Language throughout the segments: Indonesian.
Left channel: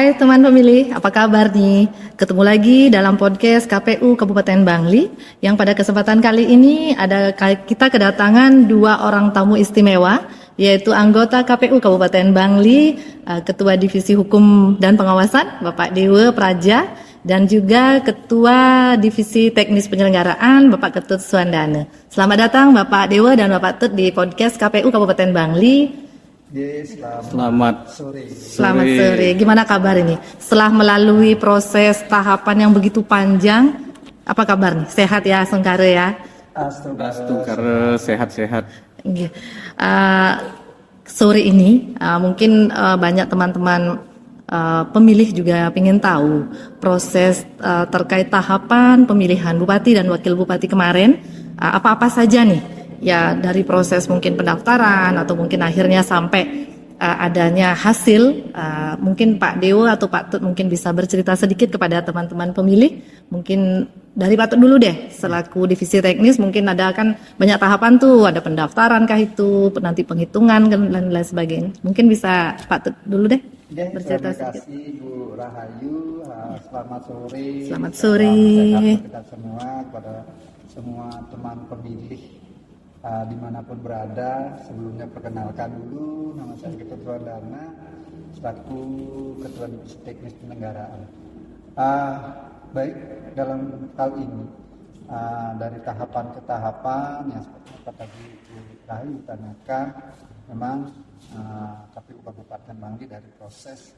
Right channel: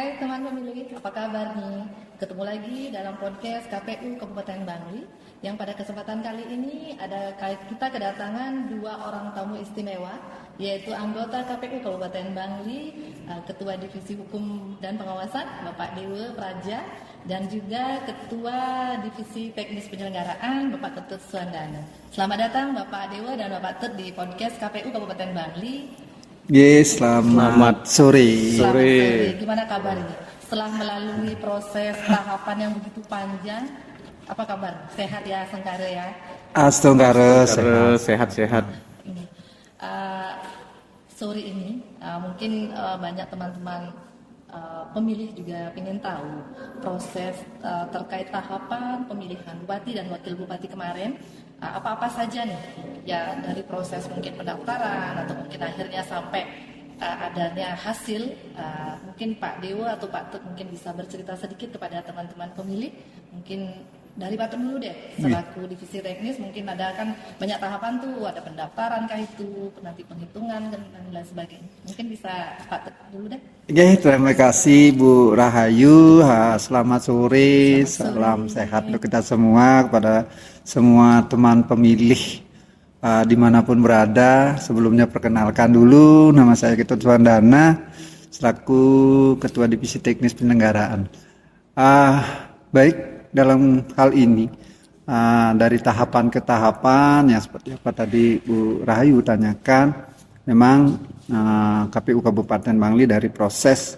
Hai teman pemilih, apa kabar nih? Ketemu lagi dalam podcast KPU Kabupaten Bangli yang pada kesempatan kali ini kita kedatangan dua orang tamu istimewa, yaitu anggota KPU Kabupaten Bangli, Ketua Divisi Hukum dan Pengawasan Bapak Dewa Praja, dan juga Ketua Divisi Teknis Penyelenggaraan Bapak Ketut Suandana. Selamat datang Bapak Dewa dan Bapak Tut di podcast KPU Kabupaten Bangli. Selamat sore. Selamat sore. Gimana kabar ini? Setelah melalui proses tahapan yang begitu panjang, apa kabar nih? Sehat ya, Sengkare ya? Astungkare sehat-sehat. Sore ini mungkin banyak teman-teman pemilih juga ingin tahu proses terkait tahapan pemilihan bupati dan wakil bupati kemarin, apa-apa saja nih? Ya dari proses mungkin pendaftaran atau mungkin akhirnya sampai adanya hasil, mungkin Pak Dewo atau Pak Tut mungkin bisa bercerita sedikit kepada teman-teman pemilih. Mungkin dari Pak Tut dulu deh, selaku divisi teknis mungkin ada kan banyak tahapan tuh, ada pendaftaran kah itu, nanti penghitungan dan lain sebagainya. Mungkin bisa Pak Tut dulu deh. Ya, terima kasih Bu Rahayu. Selamat sore. Salam sehat untuk kita semua, kepada semua teman pemilih dimanapun berada. Sebelumnya perkenalkan dulu, nama saya Ketut Suandana selaku Ketua Divisi Teknis Penyelenggaraan. Baik, dalam hal ini dari tahapan ke tahapan yang seperti apa tadi Bu Rahayu tanyakan, memang KPU Kabupaten Bangli dari proses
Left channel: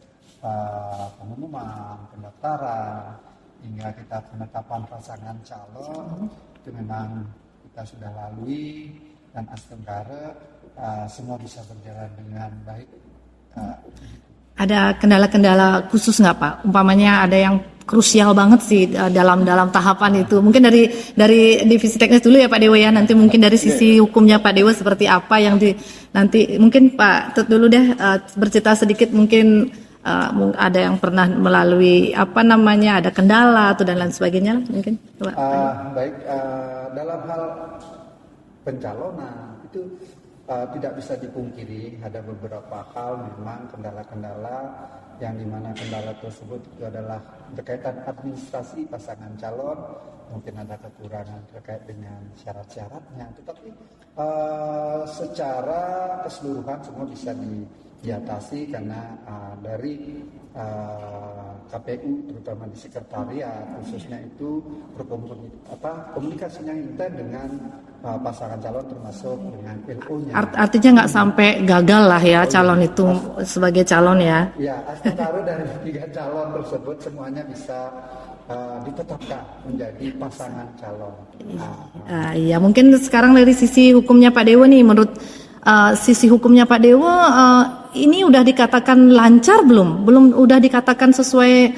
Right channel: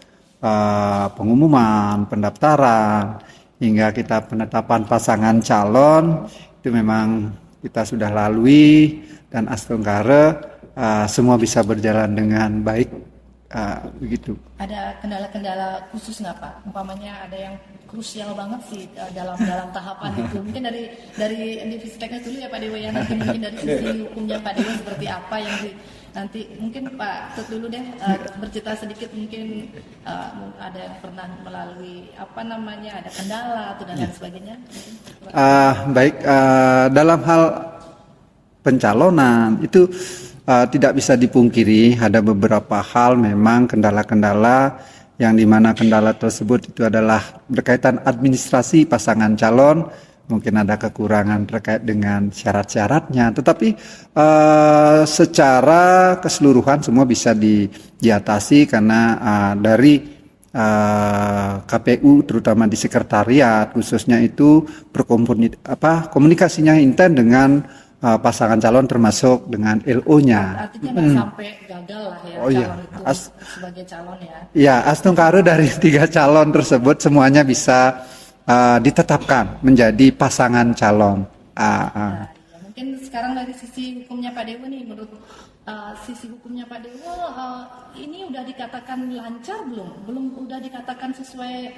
pengumuman, pendaftaran hingga kita penetapan pasangan calon itu memang kita sudah lalui, dan astungkare semua bisa berjalan dengan baik, begitu. Ada kendala-kendala khusus nggak Pak? Umpamanya ada yang krusial banget sih dalam tahapan itu. Mungkin dari divisi teknis dulu ya Pak Dewa ya. Nanti mungkin dari sisi hukumnya Pak Dewa seperti apa yang nanti mungkin Pak Tut dulu deh bercerita sedikit mungkin. Ada yang pernah melalui ada kendala atau dan lain sebagainya mungkin. Baik, dalam hal pencalonan itu tidak bisa dipungkiri ada beberapa hal memang kendala-kendala yang dimana kendala tersebut itu adalah berkaitan administrasi pasangan calon. Mungkin ada kekurangan terkait dengan syarat-syaratnya, tetapi secara keseluruhan semua bisa diatasi karena dari KPU terutama di sekretariat khususnya itu komunikasinya intens dengan pasangan calon termasuk dengan LO-nya. Artinya nggak sampai gagal lah ya calon itu sebagai calon ya. Ya, astungkare dari 3 calon tersebut semuanya bisa ditetapkan menjadi pasangan calon. Ya mungkin sekarang dari sisi hukumnya Pak Dewo nih, menurut sisi hukumnya Pak Dewo ini udah dikatakan lancar belum udah dikatakan sesuai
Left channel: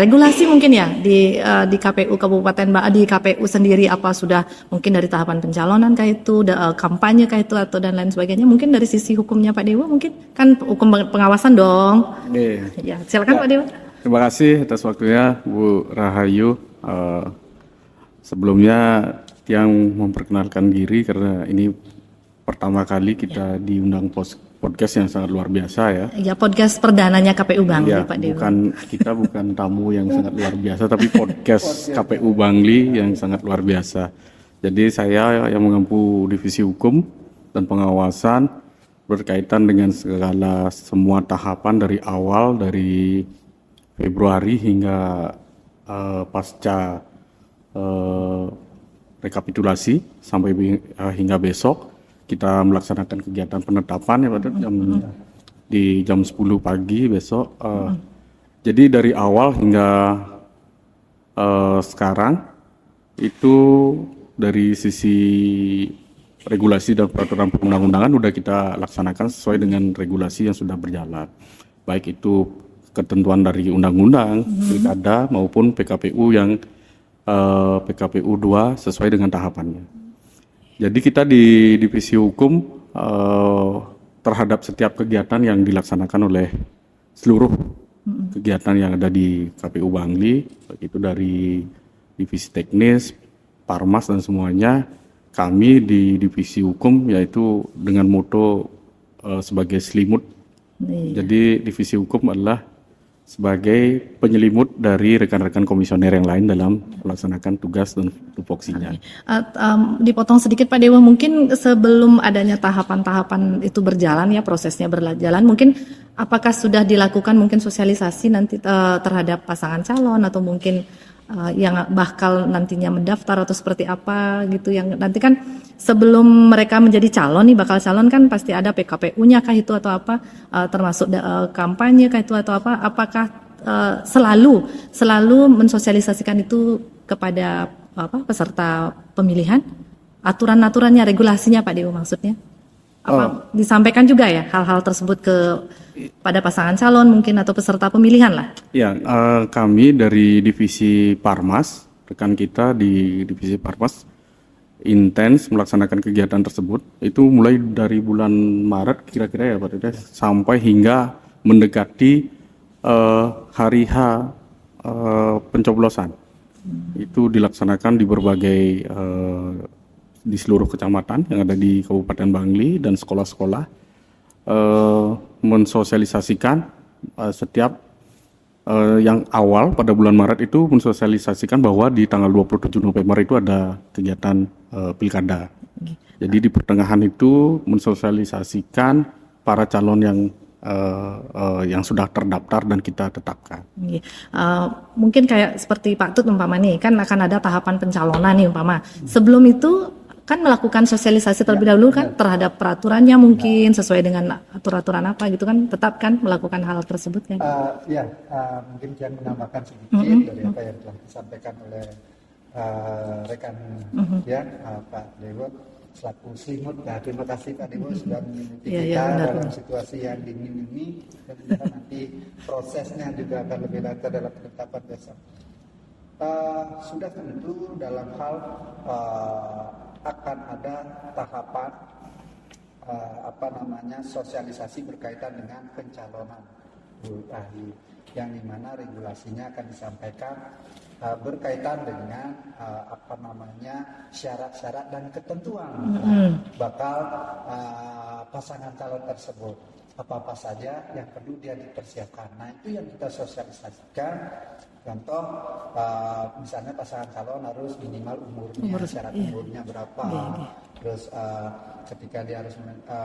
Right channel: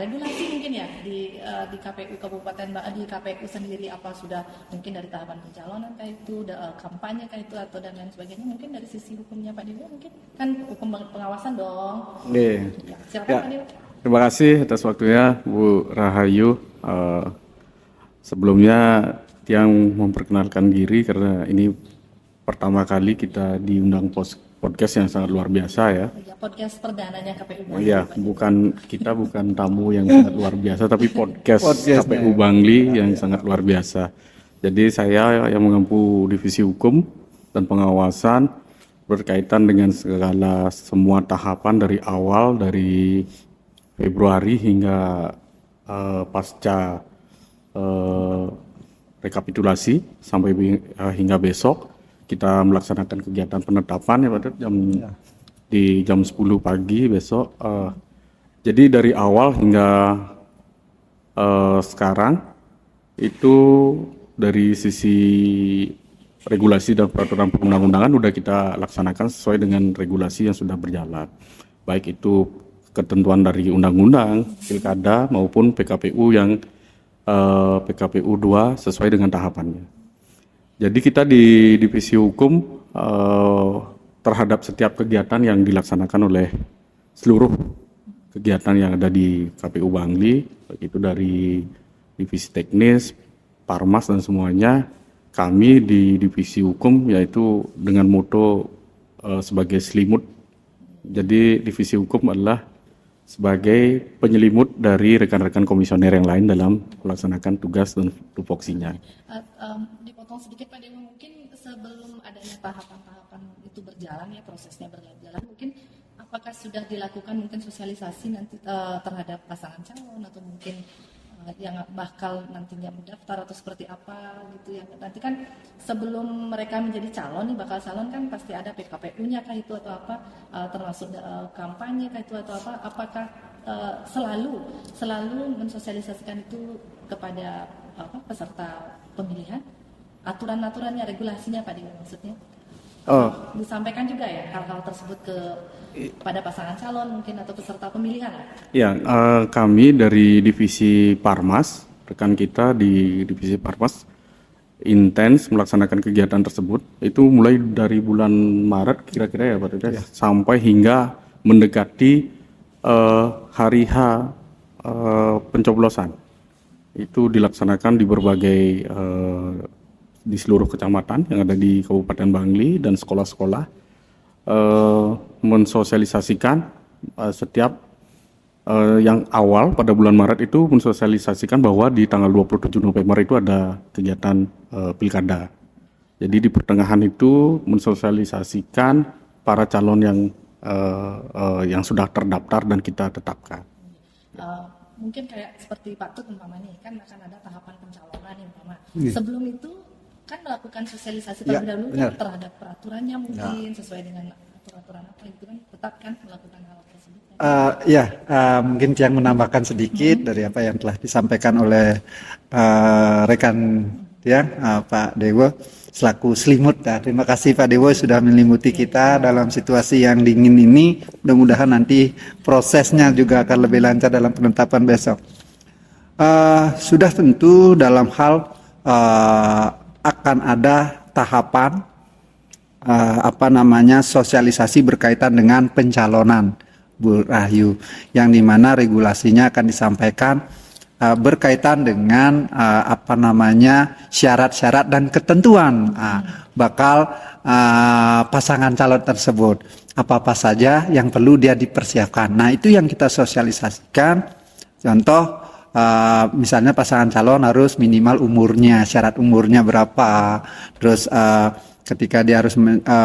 regulasi mungkin ya di KPU Kabupaten di KPU sendiri, apa sudah mungkin dari tahapan pencalonan kah itu, kampanye kah itu atau dan lain sebagainya, mungkin dari sisi hukumnya Pak Dewo mungkin kan hukum pengawasan dong. Ya silakan Pak Dewo. Terima kasih atas waktunya Bu Rahayu. Sebelumnya yang memperkenalkan diri karena ini pertama kali kita diundang podcast yang sangat luar biasa ya. Ya, podcast perdananya KPU Bangli ya, Pak Dewa. Bukan tamu yang sangat luar biasa, tapi podcast KPU Bangli yang sangat luar biasa. Jadi saya yang mengempu divisi hukum dan pengawasan berkaitan dengan segala semua tahapan dari awal dari Februari hingga pasca rekapitulasi sampai hingga besok kita melaksanakan kegiatan penetapan ya Pak Tut di jam 10 pagi besok. Jadi dari awal hingga sekarang itu dari sisi regulasi dan peraturan perundang-undangan sudah kita laksanakan sesuai dengan regulasi yang sudah berjalan. Baik itu ketentuan dari undang-undang, pilkada maupun PKPU yang PKPU 2 sesuai dengan tahapannya. Jadi kita di divisi hukum terhadap setiap kegiatan yang dilaksanakan oleh seluruh kegiatan yang ada di KPU Bangli, baik itu dari divisi teknis, Parmas dan semuanya, kami di divisi hukum yaitu dengan moto sebagai selimut. Jadi divisi hukum adalah sebagai penyelimut dari rekan-rekan komisioner yang lain dalam melaksanakan tugas dan tupoksinya. Dipotong sedikit Pak Dewa, mungkin sebelum adanya tahapan-tahapan itu berjalan ya, prosesnya berjalan, mungkin apakah sudah dilakukan mungkin sosialisasi nanti terhadap pasangan calon atau mungkin yang bakal nantinya mendaftar atau seperti apa gitu, yang nanti kan sebelum mereka menjadi calon nih, bakal calon kan pasti ada PKPU-nya kah itu atau apa, termasuk kampanye kah itu atau apa, apakah selalu mensosialisasikan itu kepada peserta pemilihan, aturan-aturannya, regulasinya Pak Dewa maksudnya? Apa disampaikan juga ya hal-hal tersebut pada pasangan calon mungkin atau peserta pemilihan lah? Ya, kami dari divisi Parmas, rekan kita di divisi Parmas intens melaksanakan kegiatan tersebut. Itu mulai dari bulan Maret kira-kira ya Pak Dede, sampai hingga mendekati hari H pencoblosan. Itu dilaksanakan di berbagai di seluruh kecamatan yang ada di Kabupaten Bangli dan sekolah-sekolah, mensosialisasikan setiap yang awal pada bulan Maret itu mensosialisasikan bahwa di tanggal 27 November itu ada kegiatan pilkada. Jadi di pertengahan itu mensosialisasikan para calon yang sudah terdaftar dan kita tetapkan. Mungkin kayak seperti Pak Tut umpama nih, kan akan ada tahapan pencalonan nih umpama. Sebelum itu kan melakukan sosialisasi terlebih dahulu kan terhadap peraturannya mungkin sesuai dengan aturan apa gitu kan, tetap kan melakukan hal tersebut kan? Mungkin yang menambahkan sedikit dari apa yang telah disampaikan oleh rekan Pak Dewo selaku selimut. Terima kasih Pak Dewo sudah menyelimuti kita dalam situasi yang dingin ini. Mudah-mudahan nanti prosesnya juga akan lebih lancar dalam penetapan besok. Sudah tentu dalam hal akan ada tahapan sosialisasi berkaitan dengan pencalonan Bu Rahayu, yang dimana regulasinya akan disampaikan berkaitan dengan syarat-syarat dan ketentuan bakal pasangan calon tersebut, apa-apa saja yang perlu dia dipersiapkan. Nah, itu yang kita sosialisasikan. Contoh, misalnya pasangan calon harus minimal umurnya, syarat umurnya berapa, terus ketika dia harus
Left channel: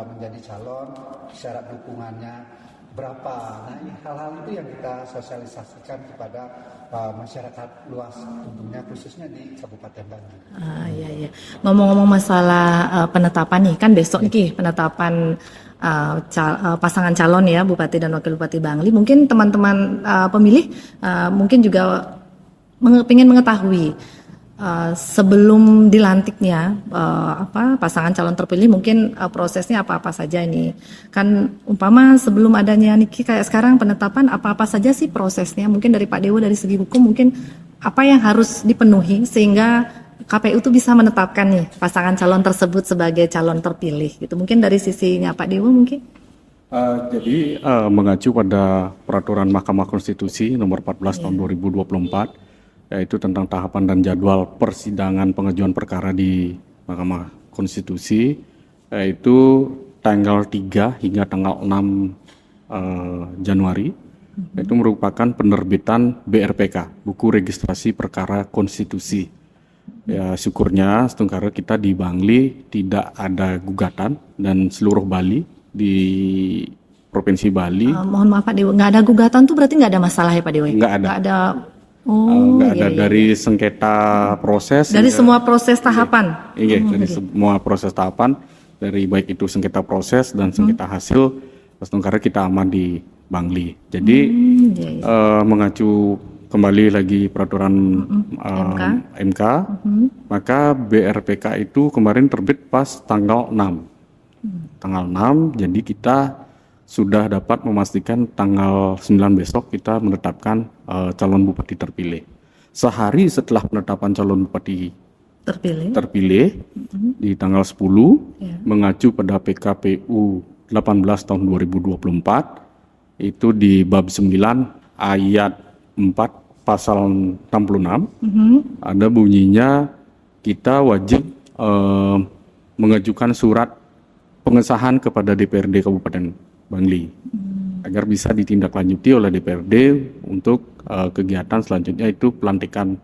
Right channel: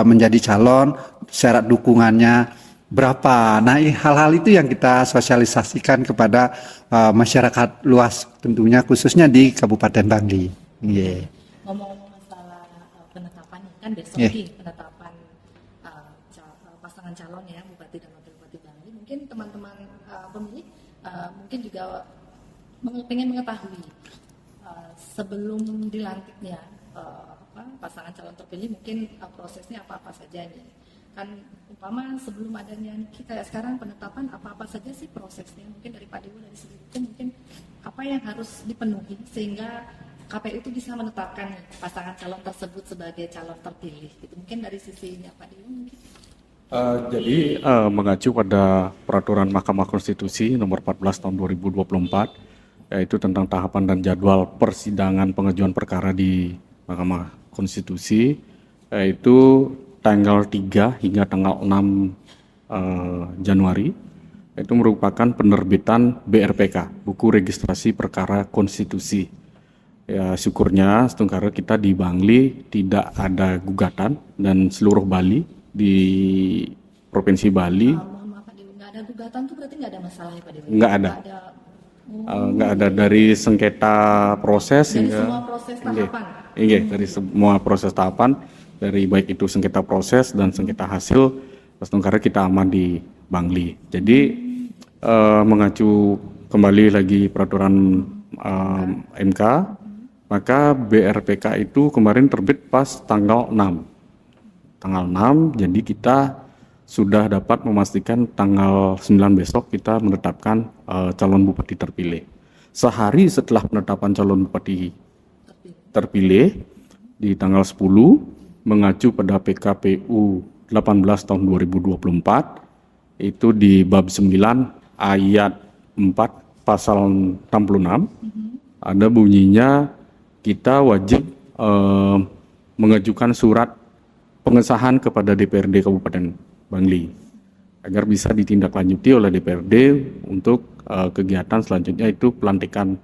menjadi calon, syarat dukungannya berapa. Nah, hal-hal itu yang kita sosialisasikan kepada masyarakat luas, tentunya khususnya di Kabupaten Bangli. Ngomong-ngomong masalah penetapan nih, kan besok nih penetapan pasangan calon ya, Bupati dan Wakil Bupati Bangli. Mungkin teman-teman pemilih mungkin juga ingin mengetahui sebelum dilantiknya pasangan calon terpilih mungkin prosesnya apa-apa saja ini. Kan umpama sebelum adanya niki kayak sekarang penetapan, apa-apa saja sih prosesnya? Mungkin dari Pak Dewo dari segi hukum mungkin apa yang harus dipenuhi sehingga KPU itu bisa menetapkan nih pasangan calon tersebut sebagai calon terpilih gitu. Mungkin dari sisinya Pak Dewo mungkin. Jadi mengacu pada peraturan Mahkamah Konstitusi nomor 14 tahun 2024, yaitu tentang tahapan dan jadwal persidangan pengajuan perkara di Mahkamah Konstitusi, yaitu tanggal 3 hingga tanggal 6 Januari, itu merupakan penerbitan BRPK, Buku Registrasi Perkara Konstitusi. Ya, syukurnya setungkara kita di Bangli tidak ada gugatan, dan seluruh Bali di Provinsi Bali. Mohon maaf Pak Dewo, nggak ada gugatan tuh berarti nggak ada masalah ya Pak Dewo? Nggak ada. Nggak ada dari sengketa proses. Dari semua proses tahapan. Dari semua proses tahapan, dari baik itu sengketa proses dan sengketa hasil, setungkara kita aman di Bangli. Jadi mengacu kembali lagi peraturan MK, maka BRPK itu kemarin terbit pas tanggal 6. Tanggal 6, jadi kita sudah dapat memastikan tanggal 9 besok kita menetapkan calon bupati terpilih. Sehari setelah penetapan calon bupati terpilih di tanggal 10, mengacu pada PKPU 18 tahun 2024, itu di bab 9 ayat 4 pasal 66, ada bunyinya kita wajib mengajukan surat pengesahan kepada DPRD Kabupaten Bangli. agar bisa ditindaklanjuti oleh DPRD untuk kegiatan selanjutnya itu pelantikan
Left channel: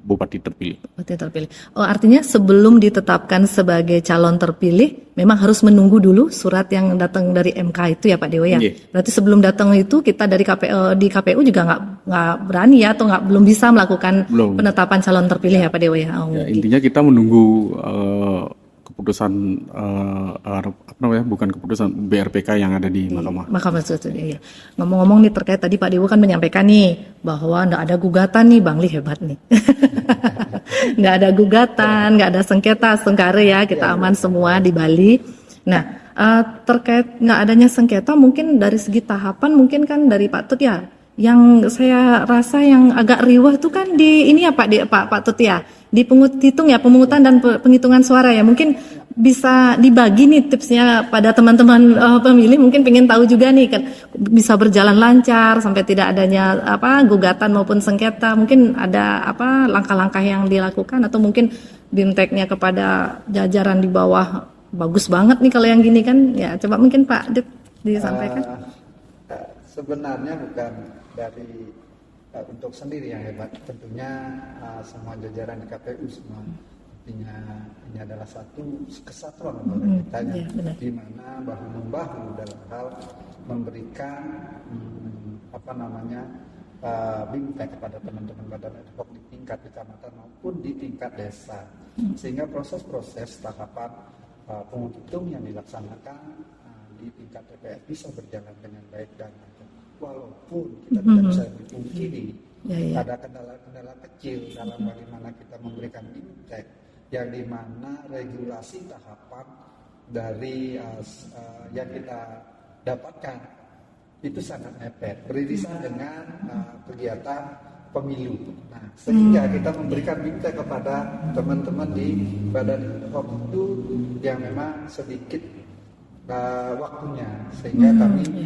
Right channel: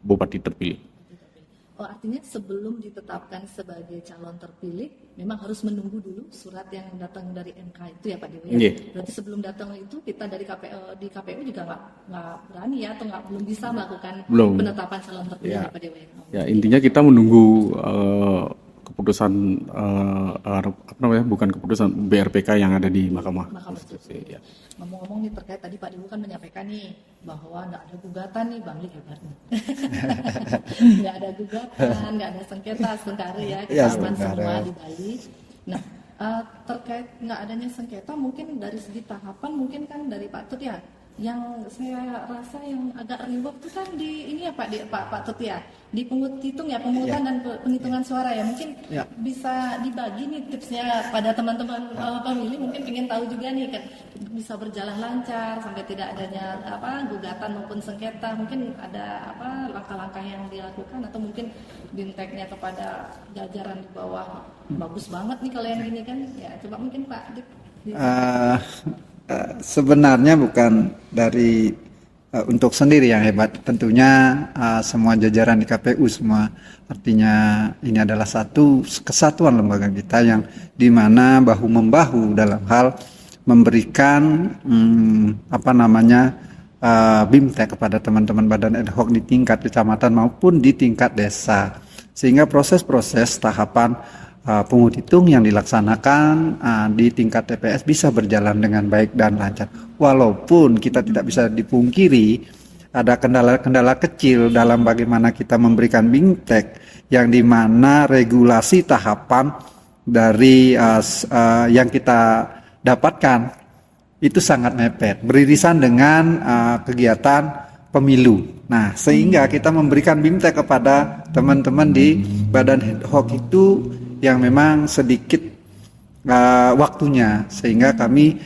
bupati terpilih. Bupati terpilih. Oh, artinya sebelum ditetapkan sebagai calon terpilih, memang harus menunggu dulu surat yang datang dari MK itu ya Pak Dewo ya. Iya. Berarti sebelum datang itu kita dari di KPU juga nggak berani ya atau belum bisa melakukan Belum. penetapan calon terpilih ya Pak Dewo ya. Oh. Ya, intinya kita menunggu keputusan bukan keputusan BRPK yang ada di Mahkamah. Mahkamah Konstitusi. Iya. Ngomong-ngomong nih terkait tadi Pak Dewo kan menyampaikan nih bahwa nggak ada gugatan nih, Bangli hebat nih. Nggak ada gugatan, nggak ada sengketa, sengkare ya, kita aman semua di Bali. Nah, terkait nggak adanya sengketa mungkin dari segi tahapan mungkin kan dari Pak Tut ya. Yang saya rasa yang agak riwah itu kan di ini ya Pak Tut ya. Di pemungutan dan penghitungan suara ya, mungkin bisa dibagi nih tipsnya pada teman-teman pemilih, mungkin pengen tahu juga nih kan bisa berjalan lancar sampai tidak adanya gugatan maupun sengketa, mungkin ada langkah-langkah yang dilakukan atau mungkin BIMTEK-nya kepada jajaran di bawah bagus banget nih kalau yang gini kan ya, coba mungkin Pak Dit disampaikan. Sebenarnya bukan dari untuk sendiri yang hebat, tentunya semua jajaran di KPU semua, artinya ini adalah satu kesatuan lembaga kita yang dimana bahu membahu dalam hal memberikan BIMTEK kepada teman-teman badan ad hoc di tingkat kecamatan maupun di tingkat desa, sehingga proses-proses tahapan pungut hitung yang dilaksanakan di tingkat TPS bisa berjalan dengan baik dan lancar. Walaupun kita tidak bisa dipungkiri ada kendala-kendala kecil dalam bagaimana kita memberikan BIMTEK yang dimana regulasi tahapan dari yang kita dapatkan itu sangat mepet, beririsan dengan kegiatan pemilu. Nah, sehingga kita memberikan BIMTEK kepada teman-teman di badan ad hoc itu yang memang sedikit waktunya, sehingga kami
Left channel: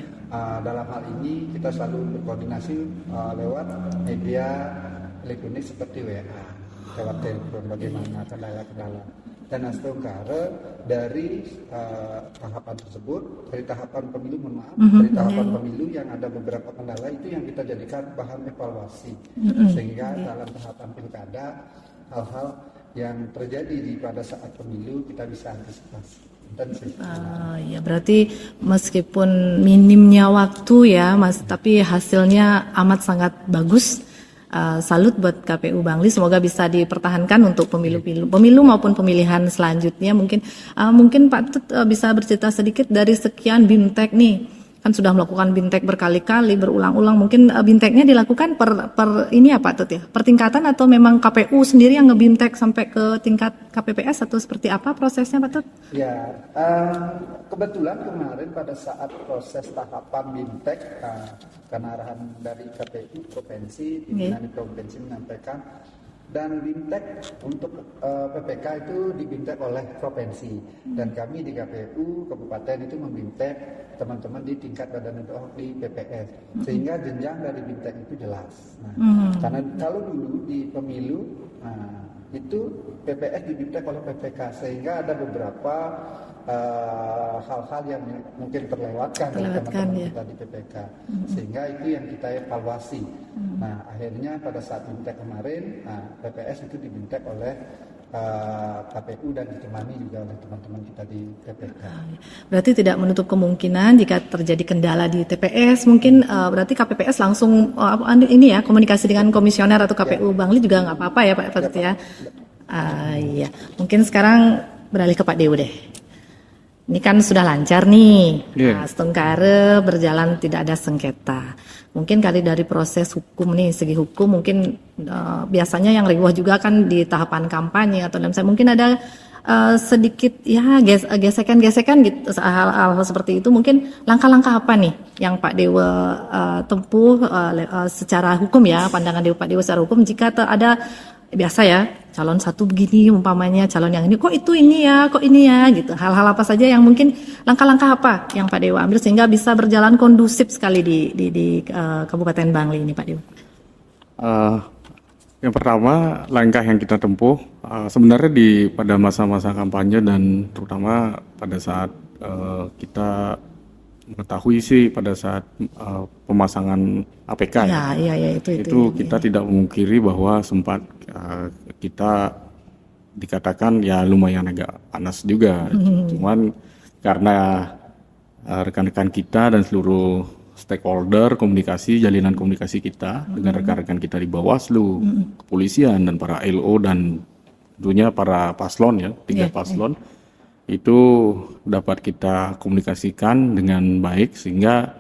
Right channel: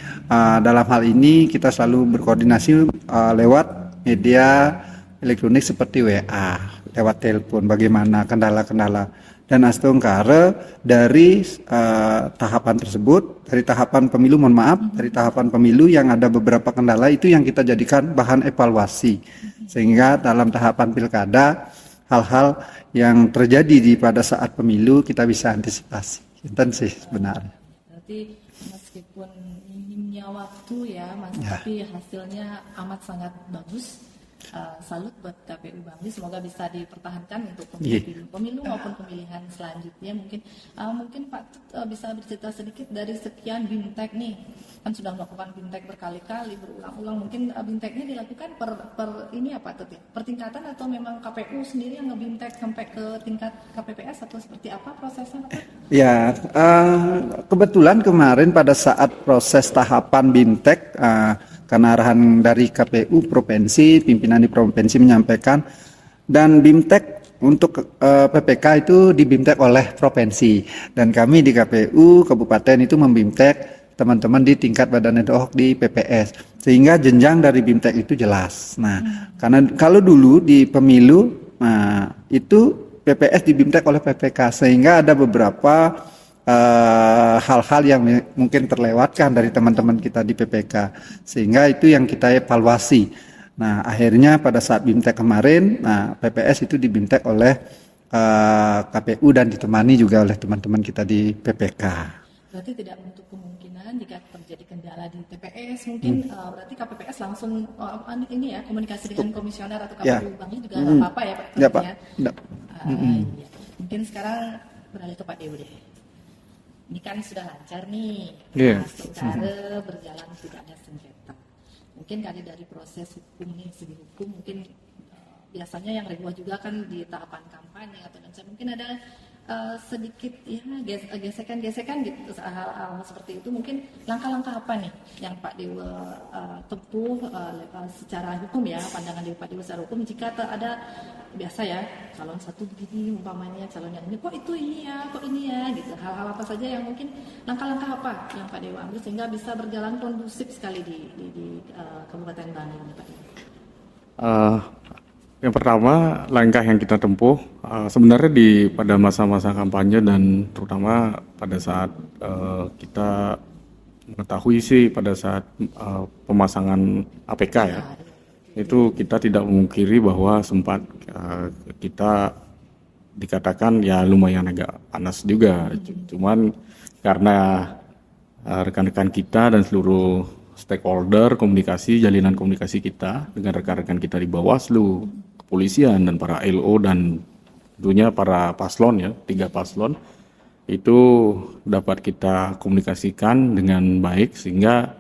dalam hal ini kita selalu berkoordinasi lewat media elektronik seperti WA, lewat telepon, bagaimana kendala-kendala dan astungkara dari tahapan tersebut, dari tahapan pemilu, dari tahapan pemilu yang ada beberapa kendala itu yang kita jadikan bahan evaluasi, sehingga dalam tahapan pilkada hal-hal yang terjadi pada saat pemilu kita bisa antisipasi. Itu sih sebenarnya. Ya berarti meskipun minimnya waktu ya Mas, tapi hasilnya amat sangat bagus. Salut buat KPU Bangli, semoga bisa dipertahankan untuk pemilu maupun pemilihan selanjutnya. Mungkin Pak Tut bisa bercerita sedikit dari sekian BIMTEK nih, kan sudah melakukan BIMTEK berkali-kali berulang-ulang, mungkin BIMTEK-nya dilakukan per ini ya Pak Tut ya, per tingkatan atau memang KPU sendiri yang nge-BIMTEK sampai ke tingkat KPPS atau seperti apa prosesnya Pak Tut? Ya, kebetulan kemarin pada saat proses tahapan BIMTEK, karena arahan dari KPU provinsi, pimpinan di provinsi menyampaikan, dan BIMTEK untuk PPK itu di BIMTEK oleh provinsi, dan kami di KPU kabupaten itu membimtek teman-teman di tingkat badan ad hoc di PPS, sehingga jenjang dari BIMTEK itu jelas. Nah, karena kalau dulu di pemilu itu PPS di BIMTEK oleh PPK, sehingga ada beberapa hal-hal yang mungkin terlewatkan dari teman-teman kita di PPK, sehingga itu yang kita evaluasi. Nah, akhirnya pada saat BIMTEK kemarin, PPS itu di BIMTEK oleh KPU dan ditemani juga oleh teman-teman kita di PPK. Berarti tidak menutup kemungkinan jika terjadi kendala di TPS, mungkin berarti KPPS langsung ini ya komunikasi dengan komisioner atau KPU Bangli juga nggak apa-apa ya Pak Tut ya. Iya, mungkin sekarang beralih ke Pak Dewo deh. Ini kan sudah lancar nih, Astungkare berjalan tidak ada sengketa. Mungkin kali dari proses hukum nih, segi hukum mungkin biasanya yang riwah juga kan di tahapan kampanye atau dalam saya mungkin ada sedikit ya gesekan-gesekan gitu, hal-hal seperti itu. Mungkin langkah-langkah apa nih yang Pak Dewo tempuh secara hukum ya, pandangan Pak Dewo secara hukum jika ada biasa ya calon satu begini umpamanya, calon yang ini kok ini ya gitu, hal-hal apa saja yang mungkin langkah-langkah apa yang Pak Dewo ambil sehingga bisa berjalan kondusif sekali di Kabupaten Bangli ini Pak Dewo? Yang pertama langkah yang kita tempuh sebenarnya pada masa-masa kampanye dan terutama pada saat kita mengetahui sih pada saat pemasangan APK ya. Ya, Itu kita tidak memungkiri bahwa sempat kita dikatakan ya lumayan agak panas juga. Cuman karena rekan-rekan kita dan seluruh stakeholder jalinan komunikasi kita dengan rekan-rekan kita di Bawaslu, kepolisian dan para LO dan tentunya para paslon ya, 3 paslon itu dapat kita komunikasikan dengan baik sehingga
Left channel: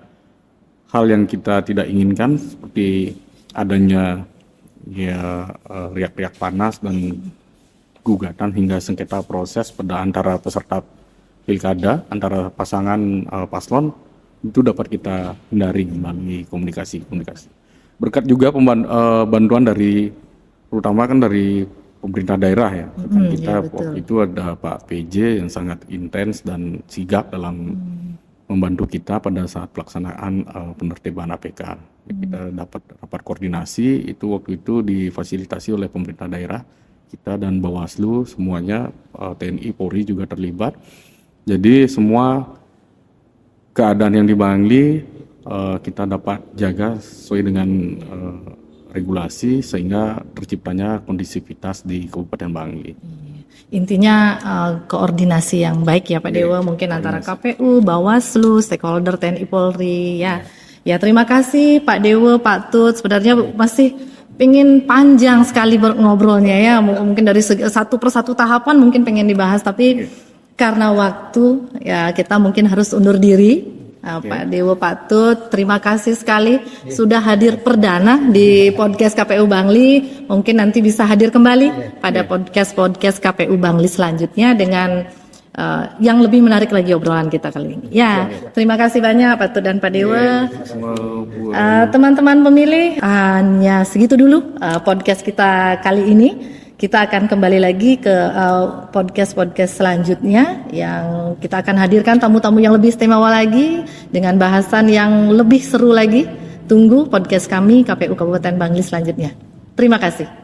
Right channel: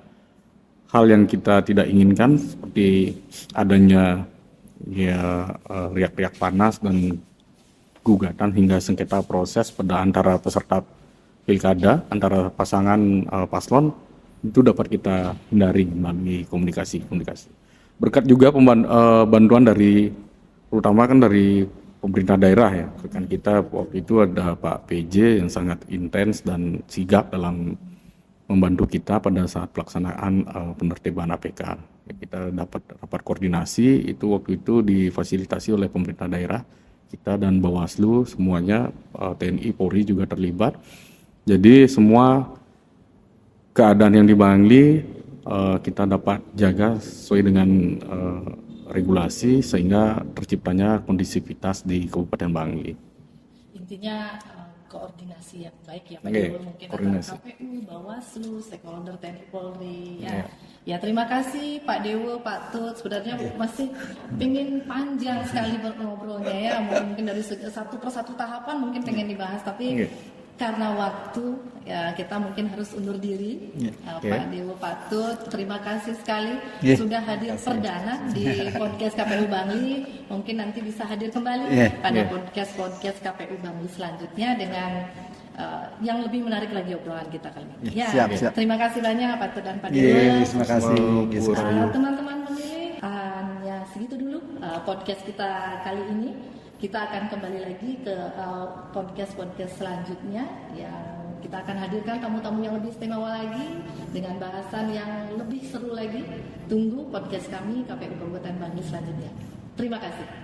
hal yang kita tidak inginkan seperti adanya ya riak-riak panas dan gugatan hingga sengketa proses pada antara peserta pilkada antara pasangan paslon itu dapat kita hindari melalui komunikasi. Berkat juga bantuan dari terutama kan dari pemerintah daerah ya. Kan kita waktu itu ada Pak PJ yang sangat intens dan sigap dalam membantu kita pada saat pelaksanaan penertiban APK. Kita dapat rapat koordinasi itu waktu itu difasilitasi oleh pemerintah daerah kita dan Bawaslu semuanya, TNI Polri juga terlibat. Jadi semua keadaan yang di Bangli kita dapat jaga sesuai dengan regulasi sehingga terciptanya kondisivitas di Kabupaten Bangli. Intinya koordinasi yang baik ya Pak Dewa, mungkin antara KPU, Bawaslu, stakeholder TNI Polri ya. Ya terima kasih Pak Dewa, Pak Tut. Sebenarnya masih pengen panjang sekali ngobrolnya ya. Mungkin dari satu persatu tahapan mungkin pengen dibahas, tapi karena waktu ya kita mungkin harus undur diri. Pak Dewa, Pak Tut, terima kasih sekali sudah hadir perdana di podcast KPU Bangli. Mungkin nanti bisa hadir kembali pada podcast KPU Bangli selanjutnya dengan yang lebih menarik lagi obrolan kita kali ini. Ya, terima kasih banyak Pak Tut dan Pak Dewa. Terima kasih. Teman-teman pemilih, hanya segitu dulu podcast kita kali ini. Kita akan kembali lagi ke podcast selanjutnya yang kita akan hadirkan tamu-tamu yang lebih istimewa lagi dengan bahasan yang lebih seru lagi. Tunggu podcast kami KPU Kabupaten Bangli selanjutnya. Terima kasih.